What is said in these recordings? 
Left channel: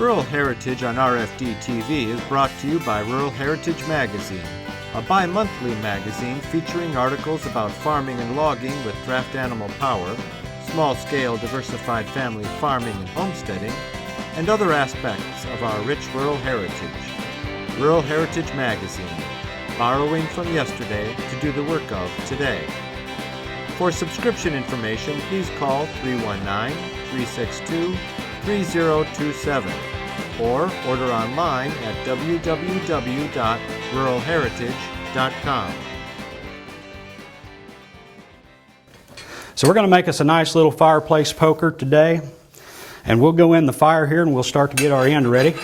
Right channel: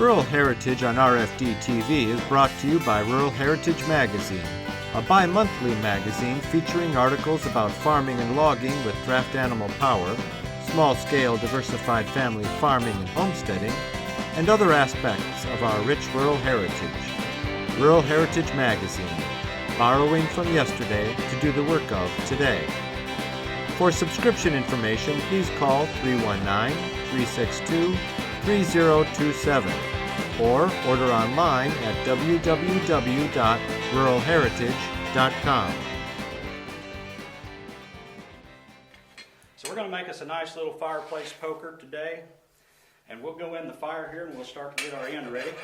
Rural Heritage on RFD TV is brought to you by Rural Heritage Magazine, a bi-monthly magazine featuring articles about farming and logging with draft animal power, small-scale diversified family farming and homesteading, and other aspects of our rich rural heritage. Rural Heritage Magazine, borrowing from yesterday to do the work of today. For subscription information, please call 319-362-3027 or order online at www.ruralheritage.com. So we're going to make us a nice little fireplace poker today, and we'll go in the fire here and we'll start to get our end ready.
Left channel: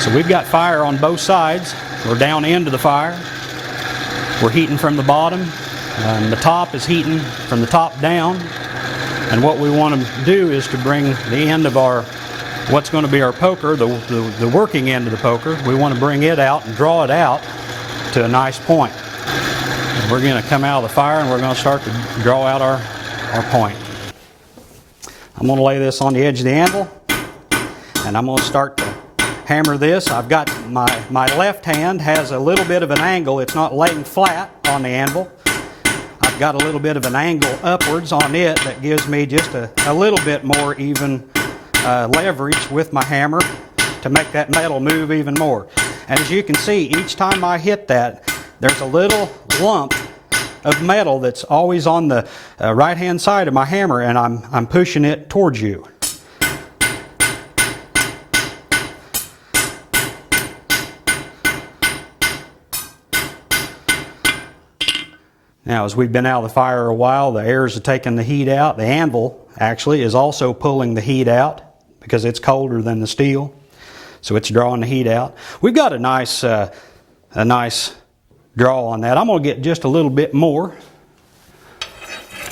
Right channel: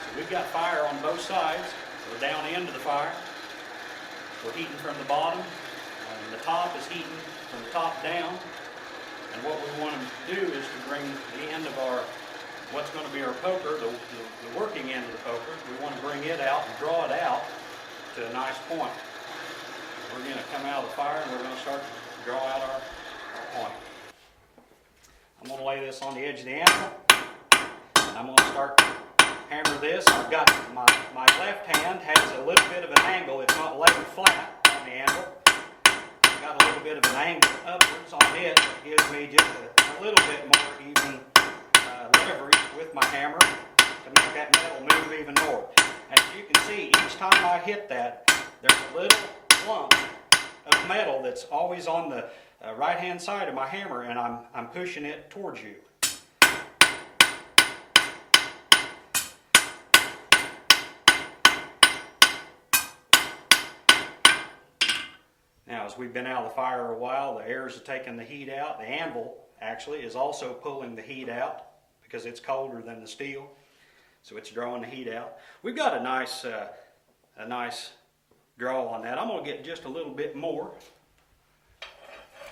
So we've got fire on both sides. We're down into the fire. We're heating from the bottom, and the top is heating from the top down. And what we want to do is to bring the end of our, what's going to be our poker, the working end of the poker, we want to bring it out and draw it out to a nice point. And we're going to come out of the fire and we're going to start to draw out our point. I'm going to lay this on the edge of the anvil, and I'm going to start to hammer this. I've got my left hand has a little bit of an angle. It's not laying flat on the anvil. I've got a little bit of an angle upwards on it that gives me just a little bit more even leverage with my hammer to make that metal move even more. And as you can see, each time I hit that, there's a little lump of metal that's always on the right hand side of my hammer, and I'm pushing it towards you. Now, as we've been out of the fire a while, the airs are taking the heat out. The anvil actually is also pulling the heat out because it's colder than the steel, so it's drawing the heat out. We've got a nice draw on that. I'm going to get just a little bit more.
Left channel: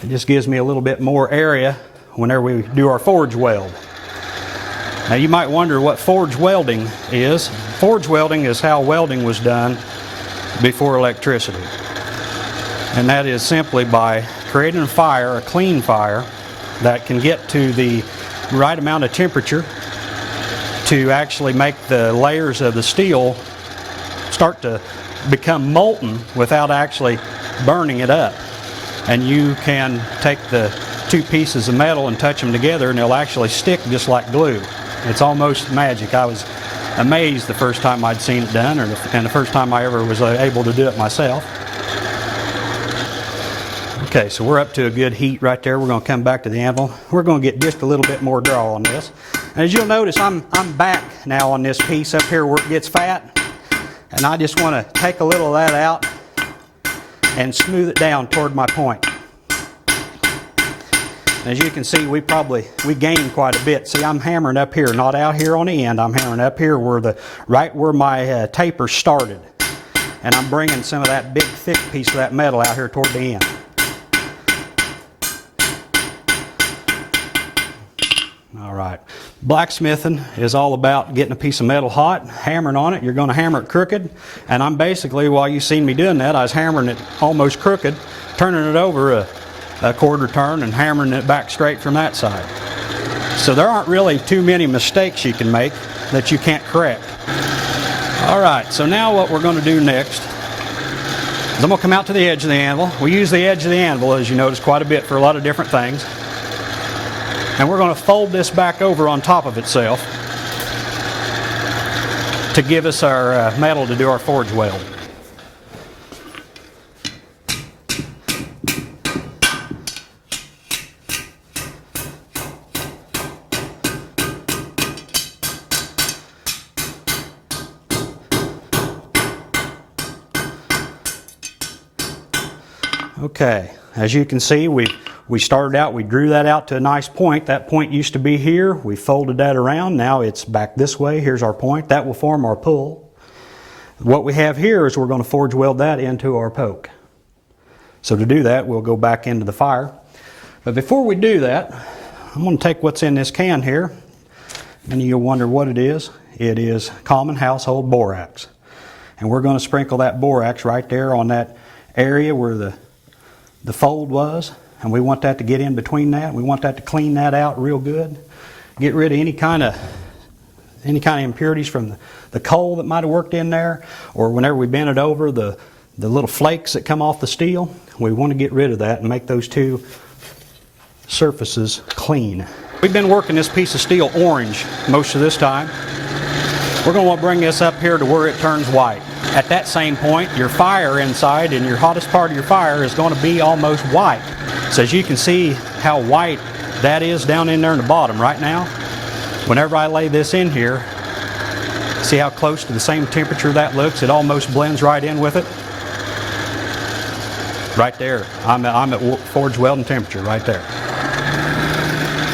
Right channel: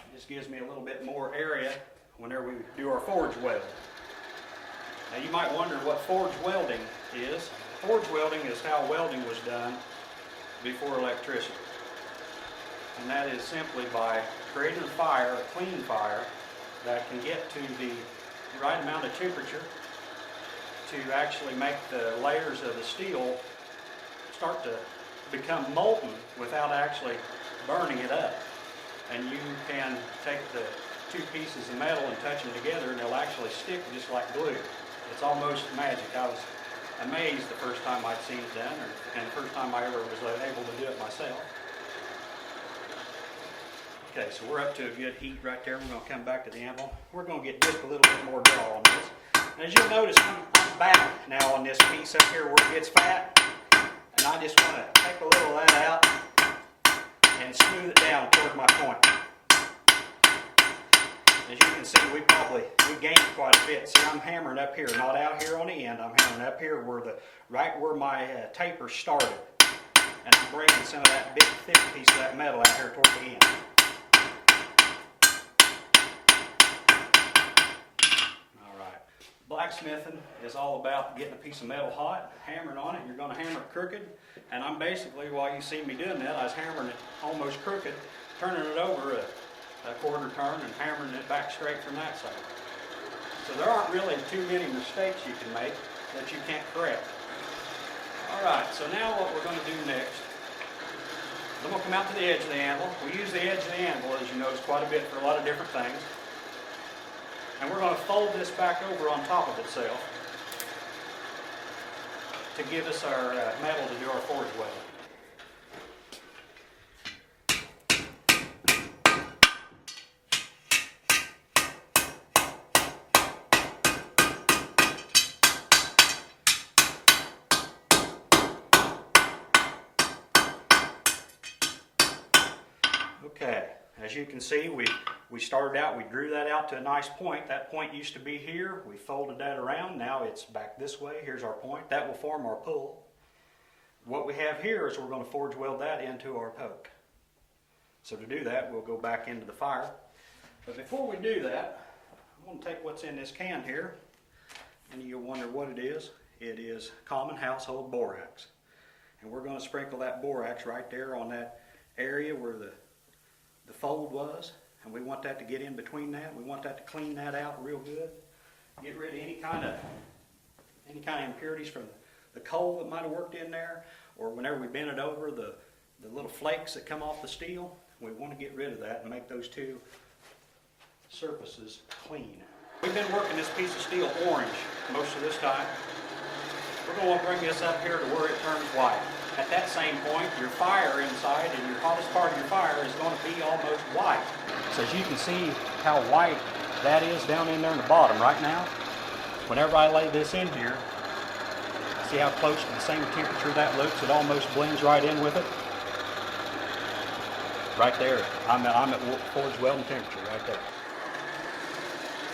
It just gives me a little bit more area whenever we do our forge weld. Now, you might wonder what forge welding is. Forge welding is how welding was done before electricity. And that is simply by creating a fire, a clean fire, that can get to the right amount of temperature to actually make the layers of the steel start to become molten without actually burning it up. And you can take the two pieces of metal and touch them together and they'll actually stick just like glue. It's almost magic. I was amazed the first time I'd seen it done, and the first time I ever was able to do it myself. Okay, so we're up to a good heat right there. We're going to come back to the anvil. We're going to get just a little bit more draw on this. And as you'll notice, I'm back now on this piece up here where it gets fat. And I just want to take a little of that out and smooth it down toward my point. As you can see, we gained quite a bit. See, I'm hammering up here, not out here on the end. I'm hammering up here right where my taper started. And I'm bringing some of that big thick piece of that metal out here toward the end. All right. Blacksmithing is all about getting a piece of metal hot, hammering on it. You're going to hammer it crooked. And I'm basically, while you've seen me doing that, I was hammering it almost crooked, turning it over a quarter turn and hammering it back straight from that side. So there aren't really too many mistakes you can make that you can't correct. All right, so now what we're going to do next is I'm going to come out to the edge of the anvil. We use the edge of the anvil, as you notice, quite a bit for a lot of different things. And we're going to fold this back over on top of itself to give us our metal to do our forge weld. Okay, as you can see, we started out, we drew that out to a nice point. That point used to be here. We folded that around. Now it's back this way. Here's our point. That will form our pull. What we have here is we're going to forge weld that into our poke. So to do that, we'll go back into the fire. But before we do that, I'm going to take what's in this can here. And you'll wonder what it is. It is common household borax. And we're going to sprinkle that borax right there on that area where the fold was. And we want that to get in between that. We want that to clean that out real good. get rid of any kind of impurities from the coal that might have worked in there, or whenever we bend it over, the little flakes that come off the steel. We want to get rid of that and make those two surfaces clean. We've been working this piece of steel orange most of this time. We're going to want to bring this up here to where it turns white. At that same point, your fire inside and your hottest part of your fire is going to be almost white. So as you can see how white that is down in there in the bottom right now, whenever I lay this in here, see how close to the same temperature that looks? It almost blends right in with it. Right there. I'm at forged welding temperature right there.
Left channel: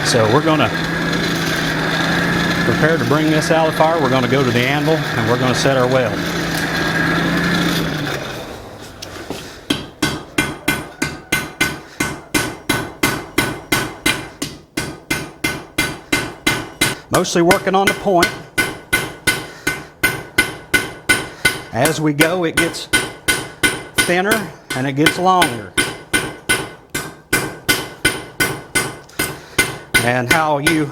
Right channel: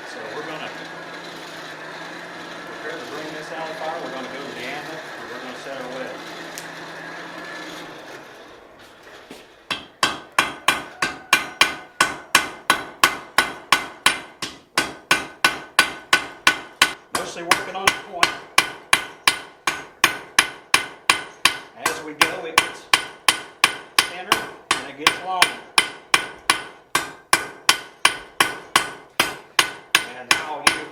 So we're going to prepare to bring this out of the fire. We're going to go to the anvil and we're going to set our weld. Mostly working on the point. As we go, it gets thinner and it gets longer. And how you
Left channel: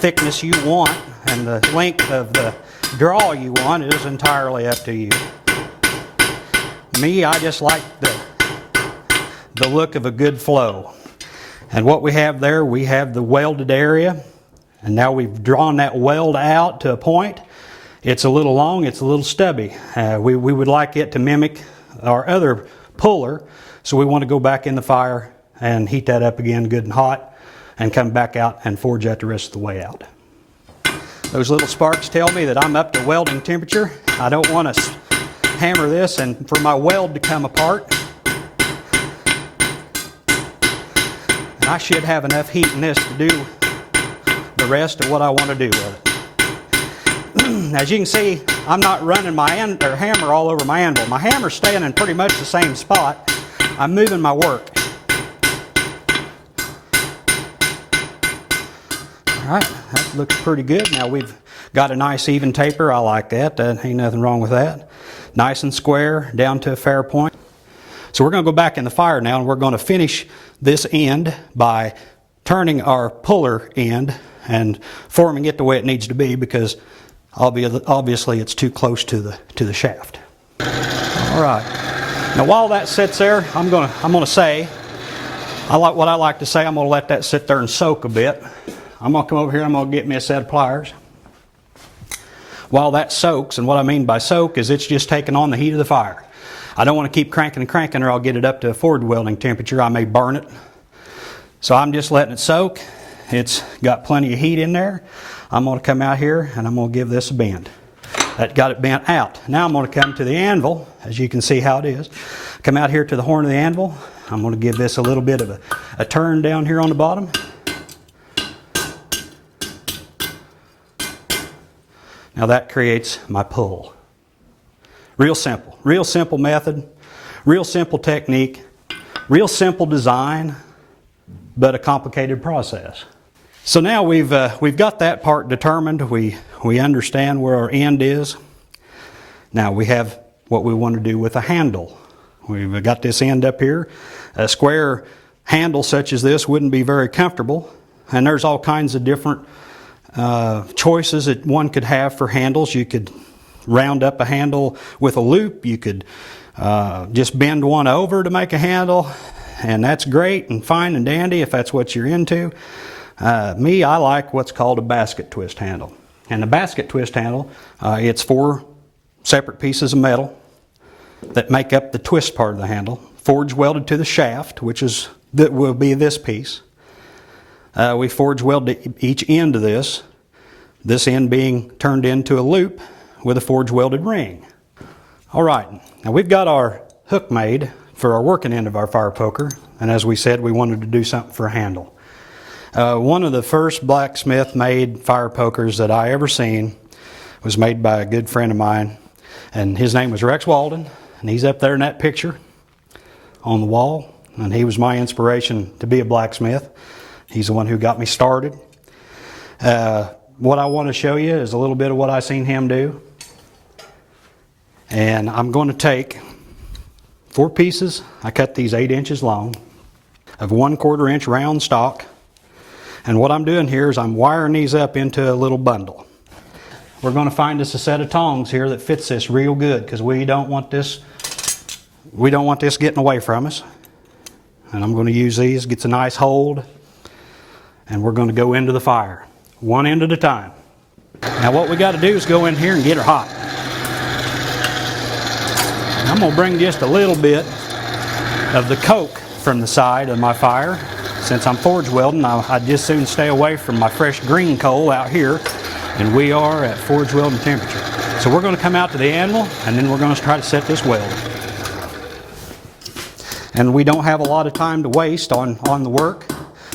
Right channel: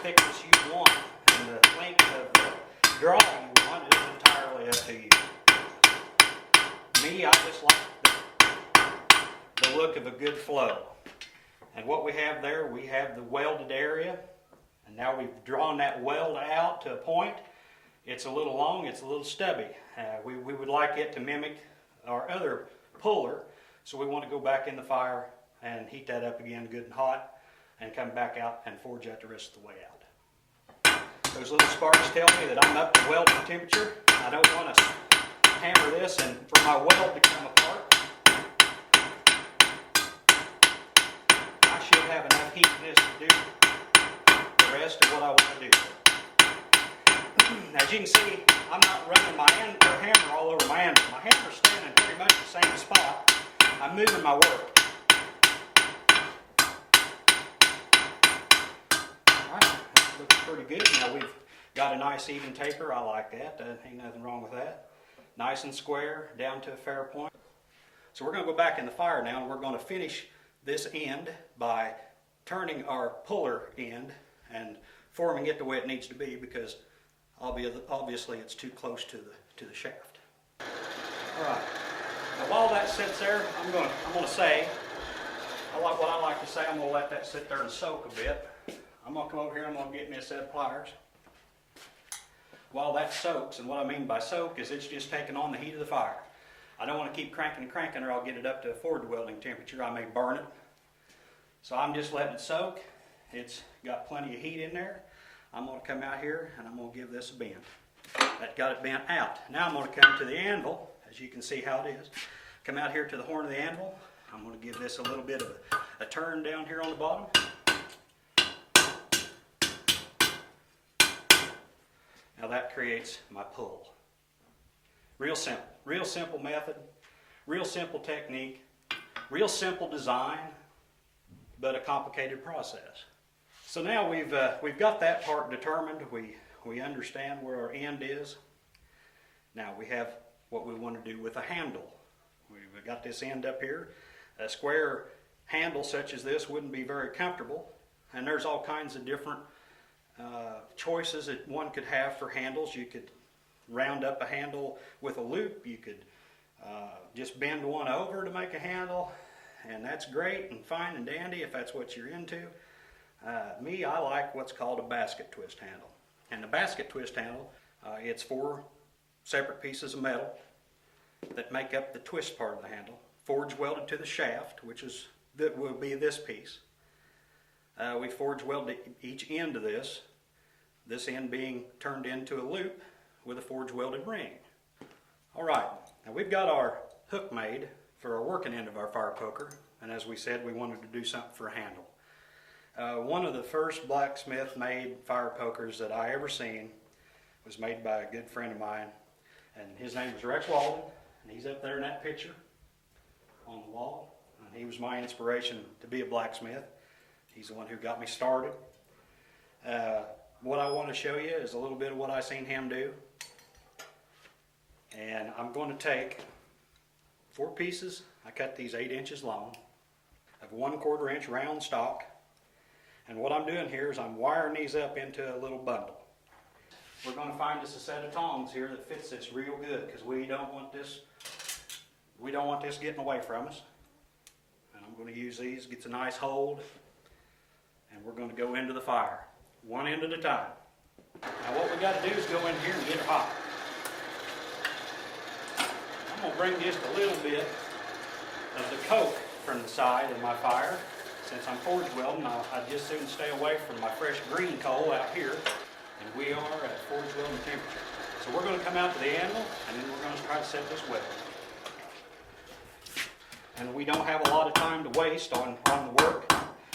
thickness you want and the length of the draw you want is entirely up to you. Me, I just like the look of a good flow. And what we have there, we have the welded area, and now we've drawn that weld out to a point. It's a little long, it's a little stubby. We would like it to mimic our other puller, so we want to go back in the fire and heat that up again good and hot and come back out and forge that the rest of the way out. Those little sparks tell me that I'm up to welding temperature. I don't want to hammer this and for my weld to come apart. And I should have enough heat in this to do the rest of what I want to do with it. As you can see, I'm not running my hammer all over my anvil. My hammer's staying in pretty much the same spot. I'm moving my work. Alright, that looks pretty good. Now we've got a nice even taper. I like that. Ain't nothing wrong with that. Nice and square, down to a fair point. So we're going to go back in the fire now and we're going to finish this end by turning our puller end and forming it the way it needs to be, because obviously it's too close to the shaft. Alright. Now while that sits there, I'm gonna say, what I like to say, I'm gonna let that sit there and soak a bit. I'm going to come over here and I'm going to get me a set of pliers. While that soaks, and what I mean by soak is it's just taking on the heat of the fire. I don't want to keep cranking and cranking or I'll get it up to a forward welding temperature. I may burn it. So I'm just letting it soak. It's got plenty of heat in there. I'm going to come out here and I'm going to give this a bend. That got it bent out. Now I'm going to come to the anvil, as you can see how it is. Come out here to the horn of the anvil. I'm going to give this a little bit of a turn down here on the bottom. Now that creates my pull. Real simple method, real simple technique, real simple design, but a complicated process. So now we've got that part determined. We understand where our end is. Now we have what we want to do with a handle. We've got this end up here. A square handle such as this wouldn't be very comfortable, and there's all kinds of different choices that one could have for handles. You could round up a handle with a loop. You could just bend one over to make a handle, and that's great and fine and dandy if that's what you're into. Me, I like what's called a basket twist handle. And the basket twist handle, it's 4 separate pieces of metal that make up the twist part of the handle, forge welded to the shaft, that will be this piece. We forge weld each end of this end being turned into a loop with a forge welded ring. Alright, now we've got our hook made for our working end of our fire poker, and as we said, we wanted to do something for a handle. One of the first blacksmith made fire pokers that I ever seen was made by a good friend of mine, and his name was Rex Walden, and he's up there in that picture on the wall, and he was my inspiration to be a blacksmith. He's the one who got me started. What I want to show you is a little bit of what I seen him do. And I'm going to take 4 pieces. I cut these 8 inches long of 1/4 inch round stock. And what I'm doing here is I'm wiring these up into a little bundle. We're going to find us a set of tongs here that fits this real good, because we don't want this getting away from us. And I'm going to use these, gets a nice hold, and we're going to go into the fire, one end at a time. Now what we got to do is go in here and get her hot. I'm going to bring just a little bit of the coke from the side of my fire. Since I'm forge welding, I'd just soon stay away from my fresh green coal out here, and we are at forge welding temperature. So we're going to come out to the anvil, and then we're going to try to set this weld. And we don't have a lot of time to waste on the work,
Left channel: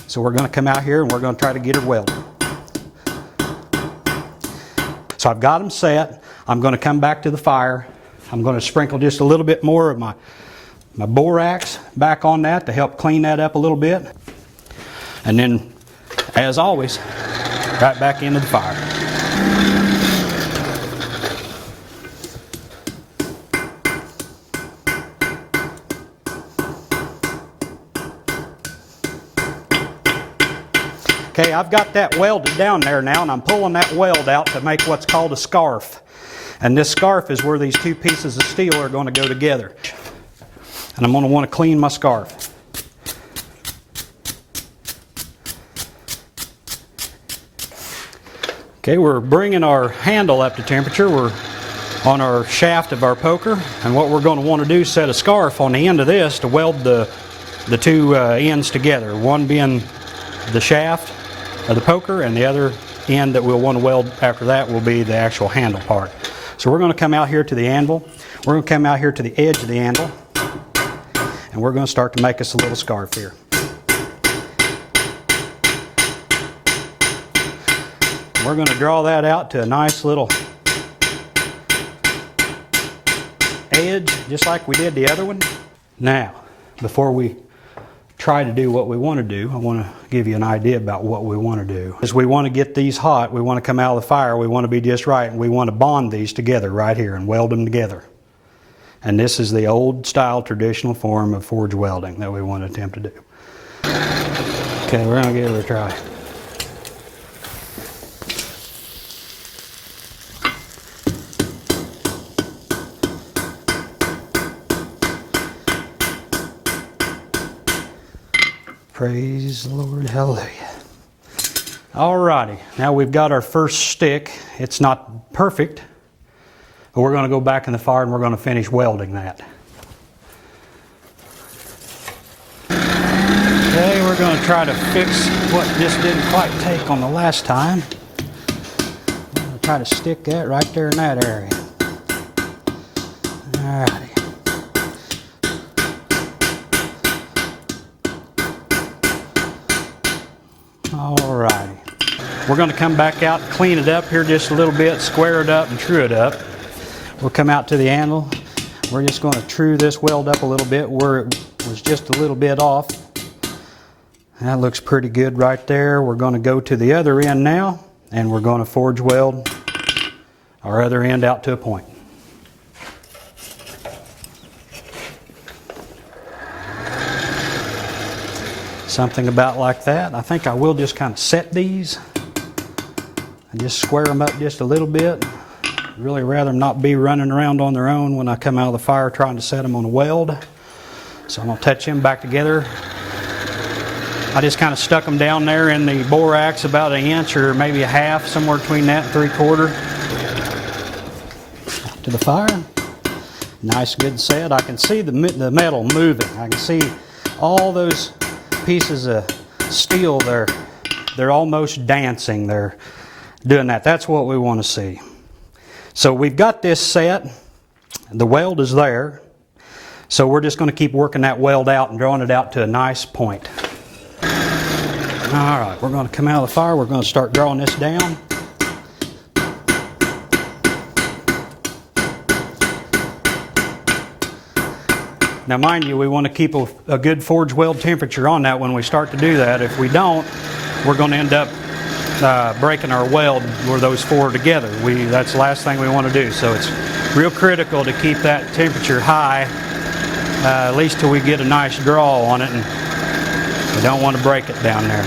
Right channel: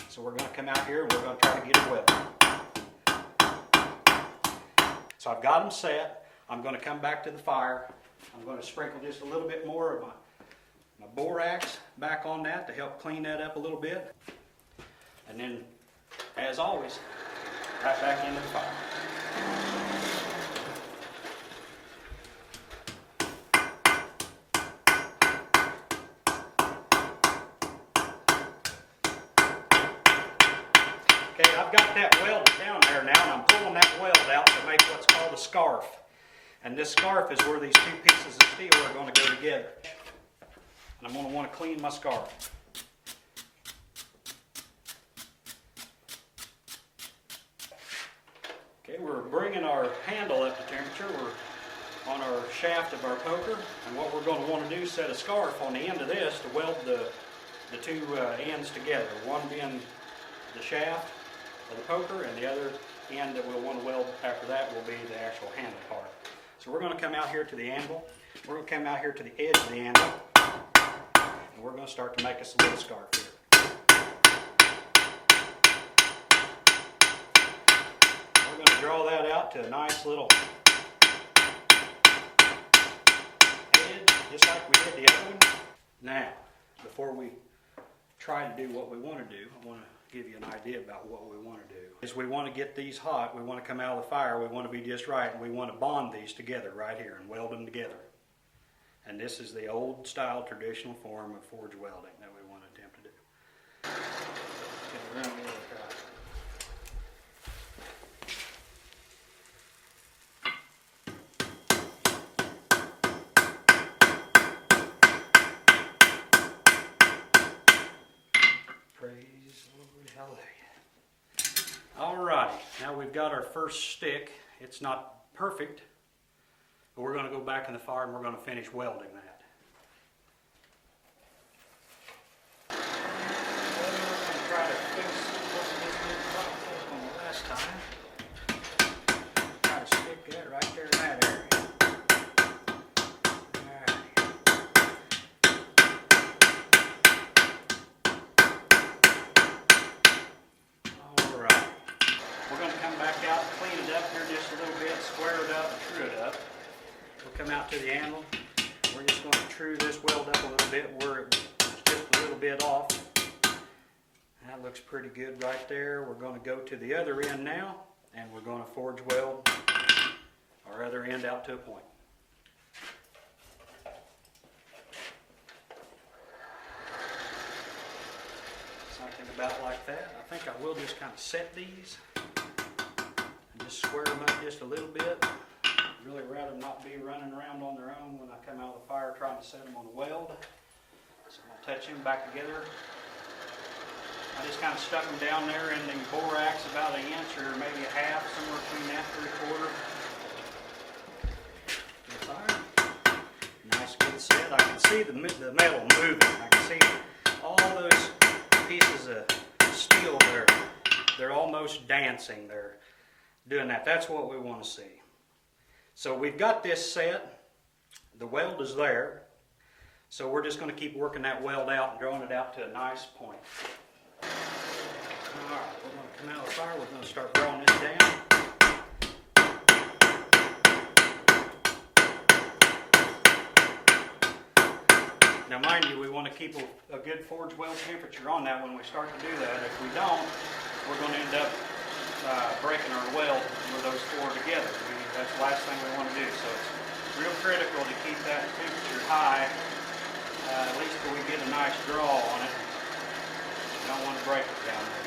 so we're going to come out here and we're going to try to get it welded. So I've got them set. I'm going to come back to the fire. I'm going to sprinkle just a little bit more of my borax back on that to help clean that up a little bit. And then, as always, right back into the fire. Okay, I've got that welded down there now, and I'm pulling that weld out to make what's called a scarf. And this scarf is where these two pieces of steel are going to go together. And I'm going to want to clean my scarf. Okay, we're bringing our handle up to temperature. We're on our shaft of our poker, and what we're going to want to do is set a scarf on the end of this to weld the two ends together. One being the shaft of the poker, and the other end that we'll want to weld after that will be the actual handle part. So we're going to come out here to the anvil. We're going to come out here to the edge of the anvil, and we're going to start to make us a little scarf here. We're going to draw that out to a nice little edge, just like we did the other one. Now, before we try to do what we want to do, I want to give you an idea about what we want to do. As we want to get these hot, we want to come out of the fire, we want to be just right, and we want to bond these together right here and weld them together. And this is the old style traditional form of forge welding that we want to attempt to do. Okay, we're going to give it a try. Praise the Lord, hallelujah. Alrighty, now we've got our first stick. It's not perfect, but we're going to go back in the fire and we're going to finish welding that. Okay, we're going to try to fix what just didn't quite take on the last time. I'm going to try to stick that right there in that area. Alrighty. Alrighty. We're going to come back out, clean it up here just a little bit, square it up and true it up. We'll come out to the anvil. We're just going to true this weld up a little bit where it was just a little bit off. That looks pretty good right there. We're going to go to the other end now, and we're going to forge weld our other end out to a point. Something about like that. I think I will just kind of set these and just square them up just a little bit. Really rather them not be running around on their own when I come out of the fire trying to set them on a weld. So I'm going to touch them back together. I just kind of stuck them down there in the borax about an inch or maybe a half, somewhere between that and 3/4. To the fire. Nice good set. I can see the metal moving. I can see all those pieces of steel, they're almost dancing. They're doing that. That's what we want to see. So we've got this set. The weld is there. So we're just going to keep working that weld out and drawing it out to a nice point. Alright, we're going to come out of the fire. We're going to start drawing this down. Now mind you, we want to keep a good forge weld temperature on that when we start to do that. If we don't, we're going to end up breaking our weld where those four are together. That's the last thing we want to do. So it's real critical to keep that temperature high, at least till we get a nice draw on it, and we don't want to break it down there.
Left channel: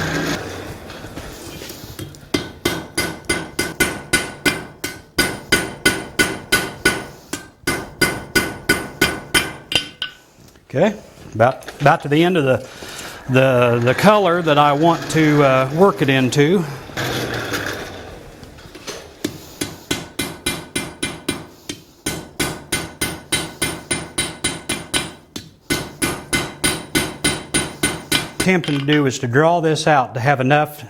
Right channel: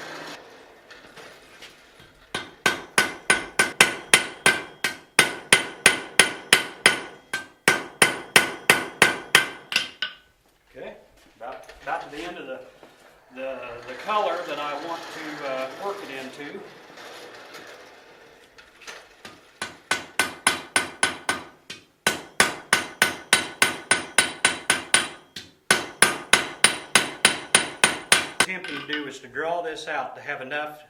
Okay, about to the end of the color that I want to work it into. Attempting to do is to draw this out to have enough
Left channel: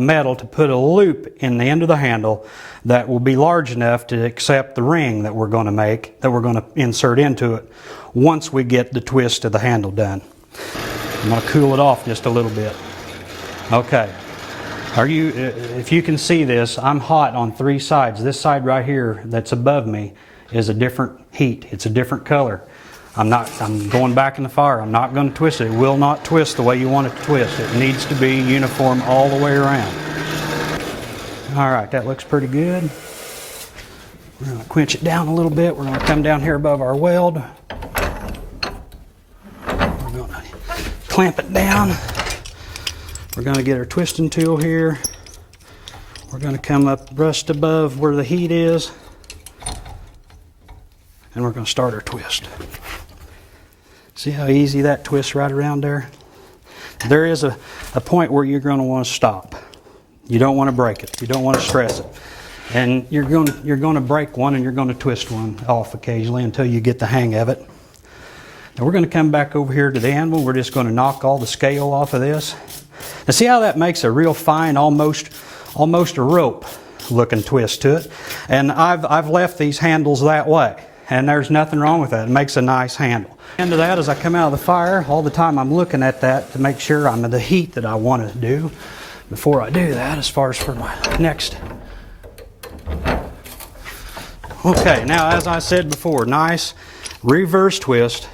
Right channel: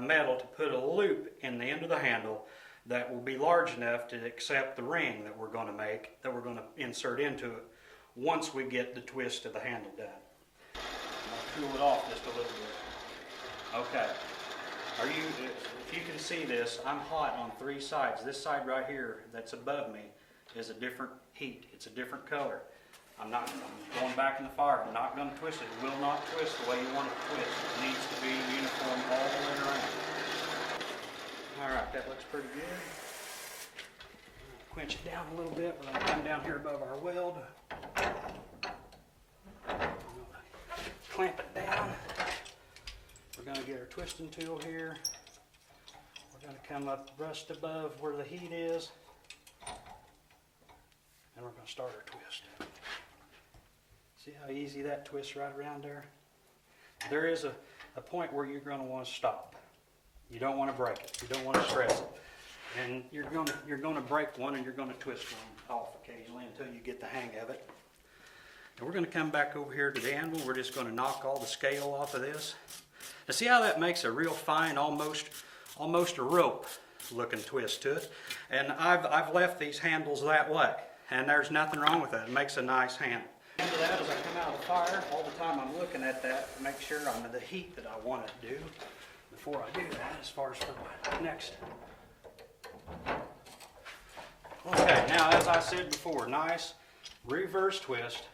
metal to put a loop in the end of the handle that will be large enough to accept the ring that we're going to make, that we're going to insert into it once we get the twist of the handle done. I'm going to cool it off just a little bit. Okay. If you can see this, I'm hot on 3 sides. This side right here that's above me is a different heat. It's a different color. I'm going back in the fire. I'm not going to twist it. It will not twist the way you want it to twist. It needs to be uniform all the way around. All right, that looks pretty good. We're going to quench it down a little bit. We're going to come down here above our weld. We're going to clamp it down. We're going to get our twisting tool here. We're going to come up just above where the heat is. And we're going to start our twist. See how easy that twists right around there? There is a point where you're going to want to stop. You don't want to break it. You don't want to stress it. And you're going to break one and you're going to twist one off occasionally until you get the hang of it. Now we're going to come back over here to the anvil. We're just going to knock all the scale off of this. Now see how that makes a real fine, almost a rope looking twist to it. And I've left these handles that way. And there's nothing wrong with that. It makes a nice handle. Into that, as I come out of the fire, all the time I'm looking at that to make sure I'm at the heat that I want to do before I do that, as far as for my next. Okay, now as I said before, nice reverse twist,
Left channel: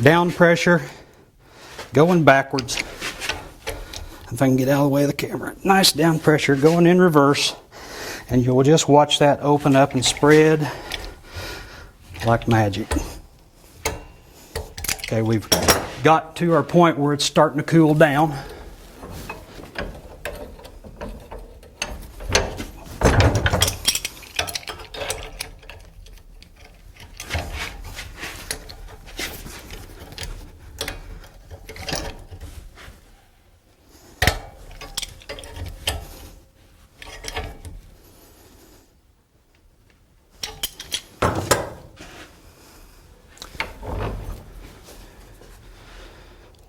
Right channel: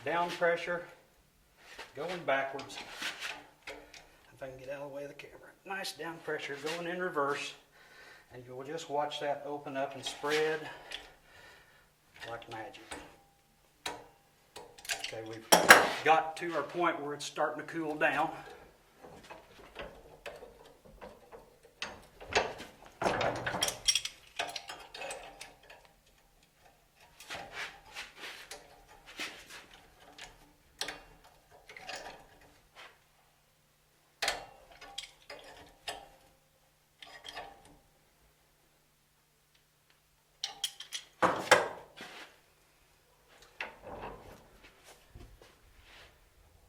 down pressure, going backwards. If I can get out of the way of the camera. Nice down pressure, going in reverse, and you'll just watch that open up and spread like magic. Okay, we've got to our point where it's starting to cool down.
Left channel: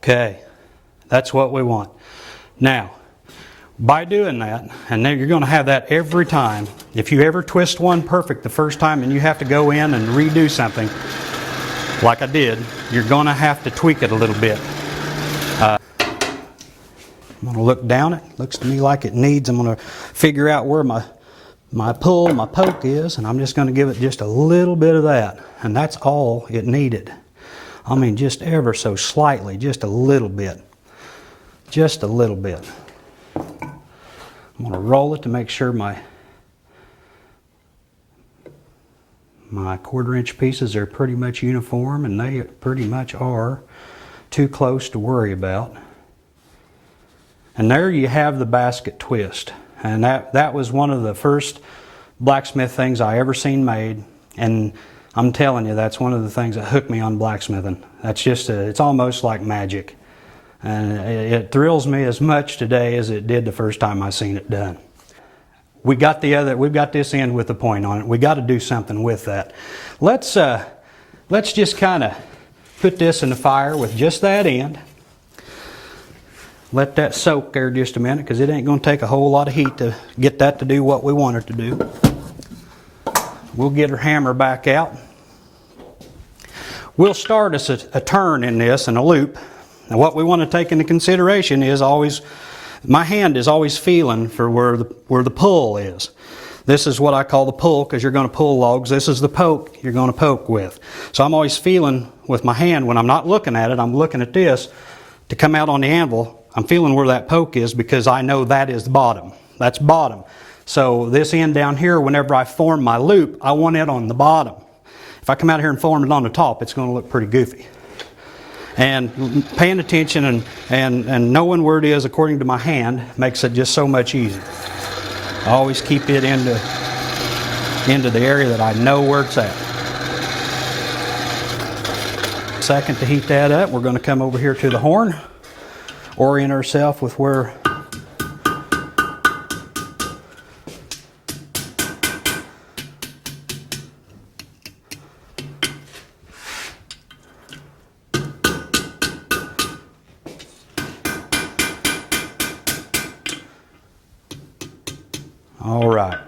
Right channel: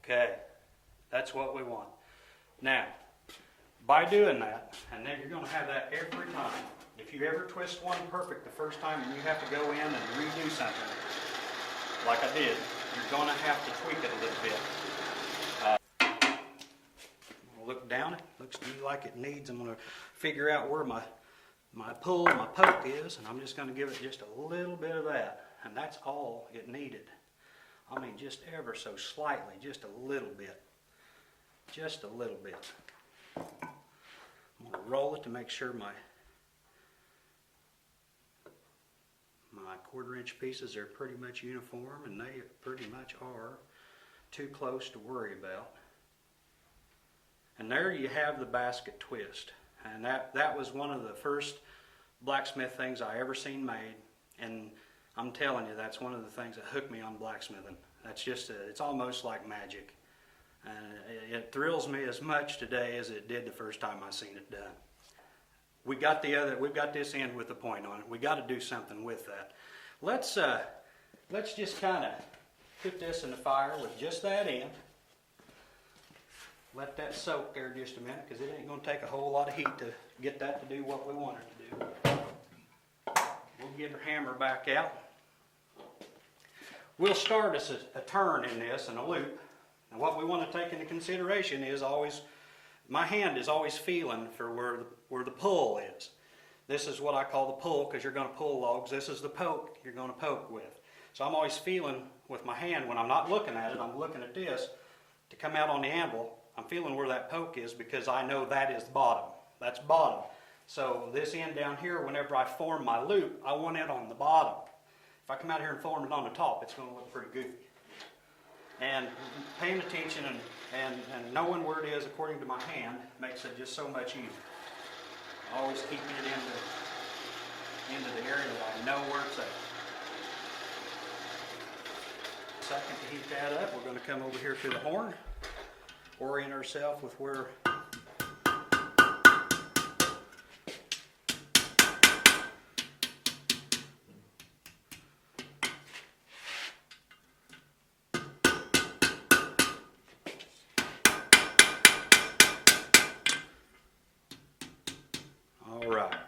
Okay, that's what we want. Now, by doing that, and then you're going to have that every time. If you ever twist one perfect the first time and you have to go in and redo something, like I did, you're going to have to tweak it a little bit. I'm going to look down it. Looks to me like it needs, I'm going to figure out where my poke is, and I'm just going to give it just a little bit of that. And that's all it needed. I mean, just ever so slightly, just a little bit. Just a little bit. I'm going to roll it to make sure my 1/4-inch pieces are pretty much uniform, and they pretty much are. Too close to worry about. And there you have the basket twist. And that was one of the first blacksmith things I ever seen made. And I'm telling you, that's one of the things that hooked me on blacksmithing. That's just, it's almost like magic. And it thrills me as much today as it did the first time I seen it done. We've got this end with the point on it. We got to do something with that. Let's just kind of put this in the fire with just that end. Let that soak there just a minute, because it ain't going to take a whole lot of heat to get that to do what we want it to do. We'll get our hammer back out. We'll start us a turn in this and a loop. Now what we want to take into consideration is always, my hand is always feeling for where the pull is. This is what I call the pull, because you're going to pull logs. This is the poke you're going to poke with. So I'm always feeling with my hand, when I'm not looking at it, I'm looking at this to come out on the anvil. I'm feeling where that poke is, because I know that is the bottom. That's bottom. So this end down here, whenever I form my loop, I want it on the bottom. If I come out here and form it on the top, it's going to look pretty goofy. And paying attention and knowing where it is according to my hand makes it just so much easier. I always keep it into the area that I know where it's at. Second to heat that up, we're going to come over here to the horn, orient ourselves with where all right.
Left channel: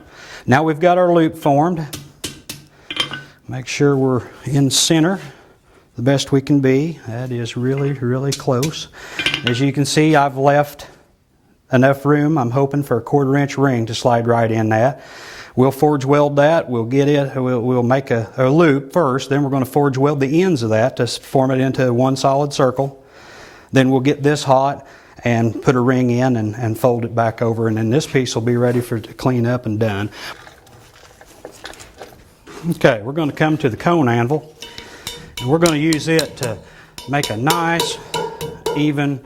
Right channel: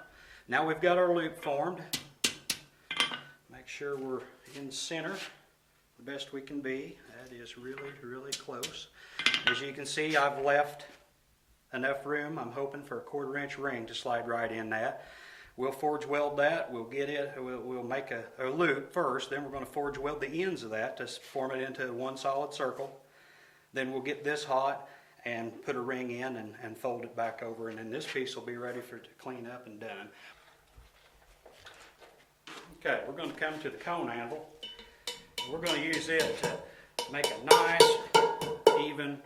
Now we've got our loop formed. Make sure we're in center the best we can be. That is really, really close. As you can see, I've left enough room. I'm hoping for a 1/4 inch ring to slide right in that. We'll forge weld that. We'll get it. We'll make a loop first. Then we're going to forge weld the ends of that to form it into one solid circle. Then we'll get this hot and put a ring in and fold it back over, and then this piece will be ready to clean up and done. Okay, we're going to come to the cone anvil, and we're going to use it to make a nice, even,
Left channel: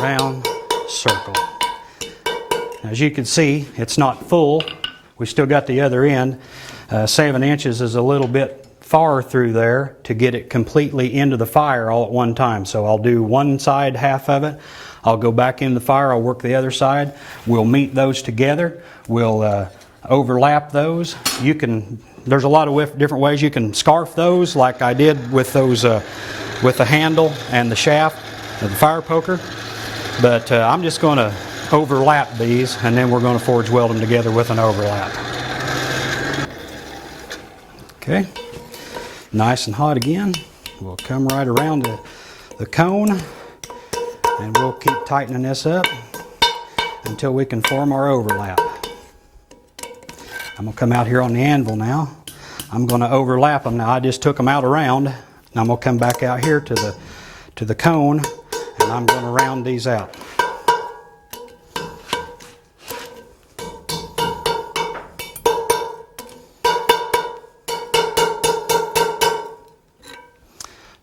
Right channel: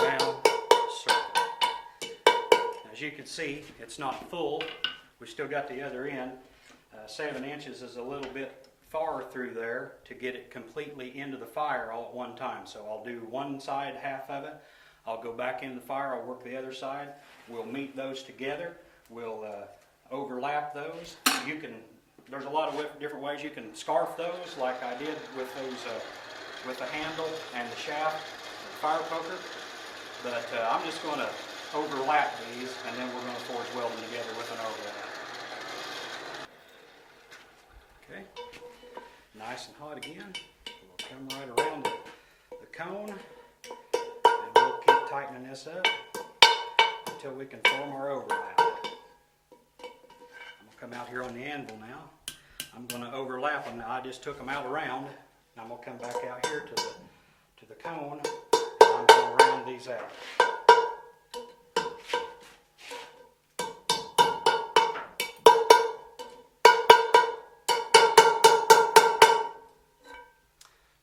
round circle. As you can see, it's not full. We still got the other end. 7 inches is a little bit far through there to get it completely into the fire all at one time. So I'll do one side, half of it. I'll go back in the fire, I'll work the other side. We'll meet those together. We'll overlap those. There's a lot of different ways you can scarf those, like I did with those, with the handle and the shaft of the fire poker. But I'm just going to overlap these, and then we're going to forge weld them together with an overlap. Okay, nice and hot again. We'll come right around the cone, and we'll keep tightening this up until we can form our overlap. I'm going to come out here on the anvil now. I'm going to overlap them. Now I just took them out around. Now I'm going to come back out here to the cone, and I'm going to round these out.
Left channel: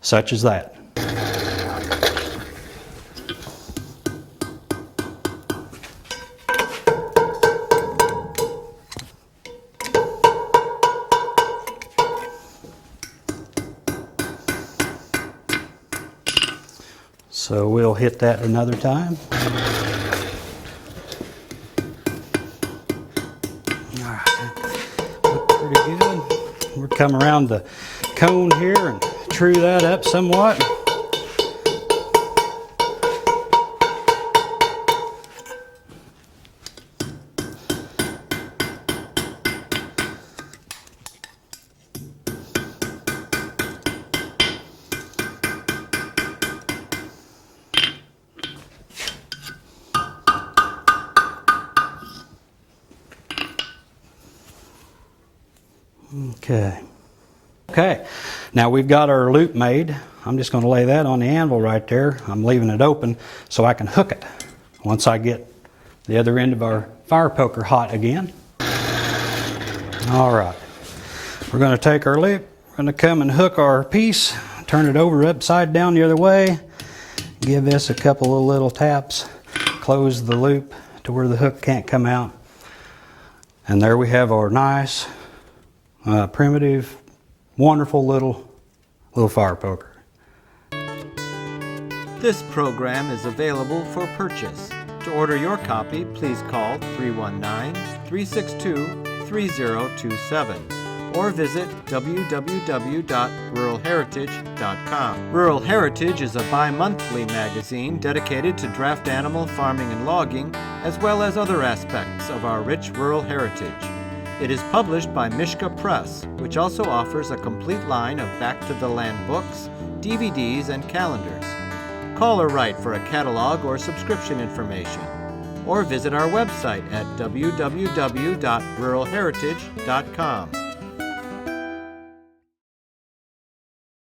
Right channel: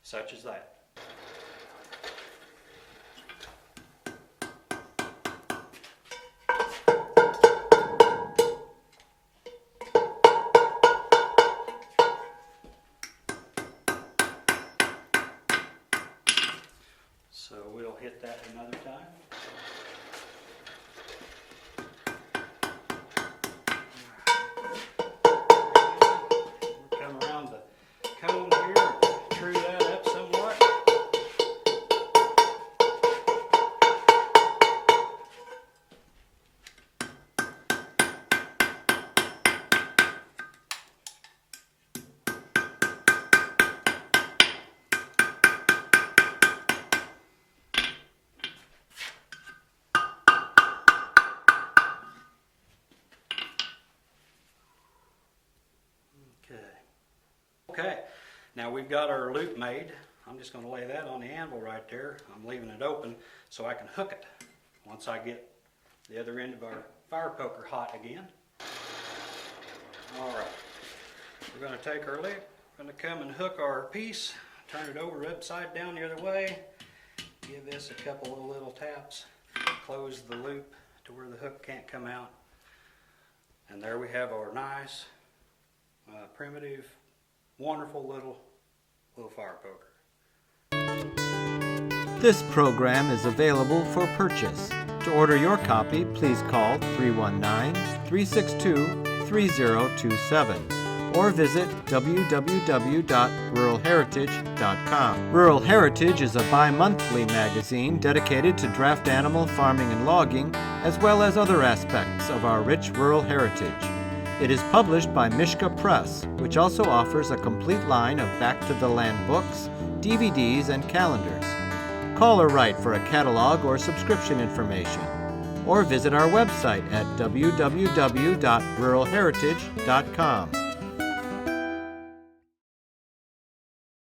Such as that. So we'll hit that another time. All right, look pretty good. We'll come around the cone here and true that up somewhat. Okay, now we've got our loop made. I'm just going to lay that on the anvil right there. I'm leaving it open so I can hook it once I get the other end of our fire poker hot again. All right, we're going to take our loop, we're going to come and hook our piece, turn it over upside down the other way, give this a couple of little taps, close the loop to where the hook can't come out, and there we have our nice, primitive, wonderful little fire poker. This program is available for purchase. To order your copy, please call 319-362-3027 or visit www.ruralheritage.com. Rural Heritage is a bi-monthly magazine dedicated to draft animal farming and logging, as well as other aspects of our rich rural heritage. It is published by Mishka Press, which also offers a complete line of back-to-the-land books, DVDs, and calendars. Call or write for a catalog or subscription information, or visit our website at www.ruralheritage.com.